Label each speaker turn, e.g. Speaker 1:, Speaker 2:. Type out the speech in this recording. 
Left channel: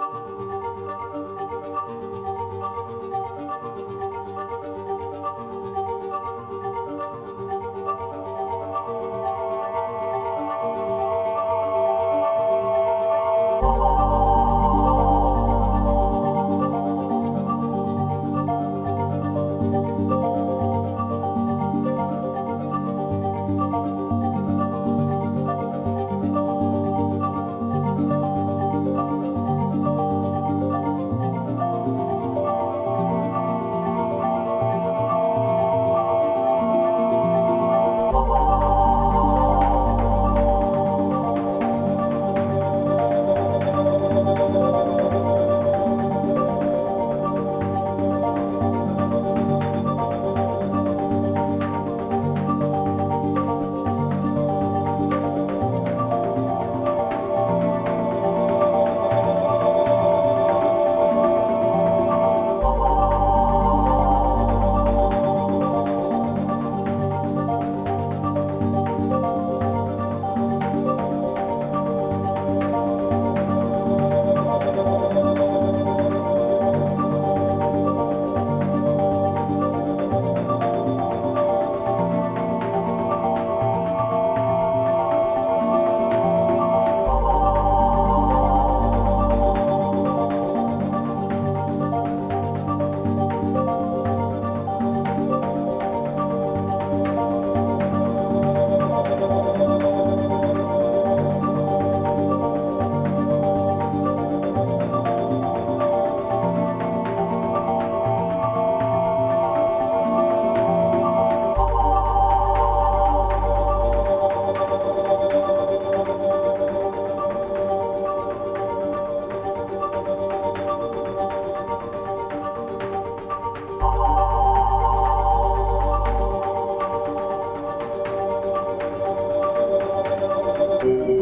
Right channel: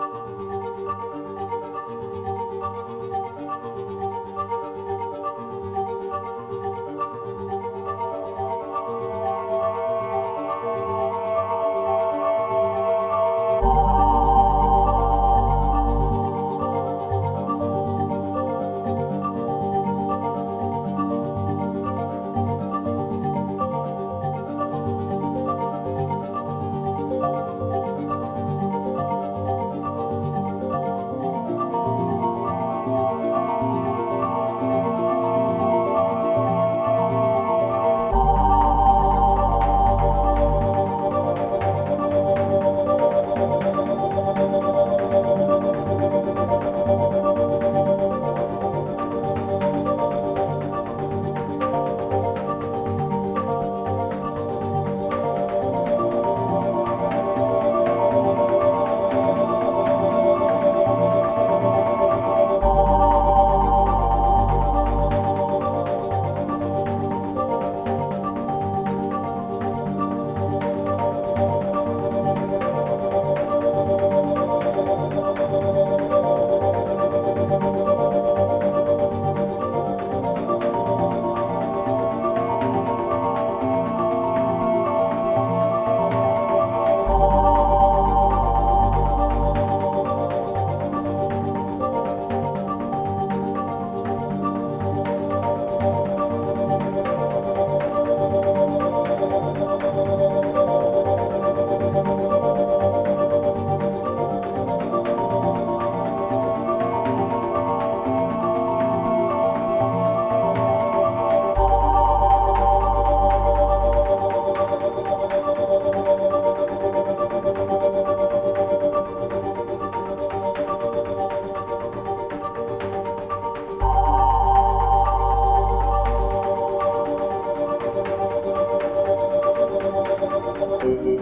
Speaker 1: thank you Thank you.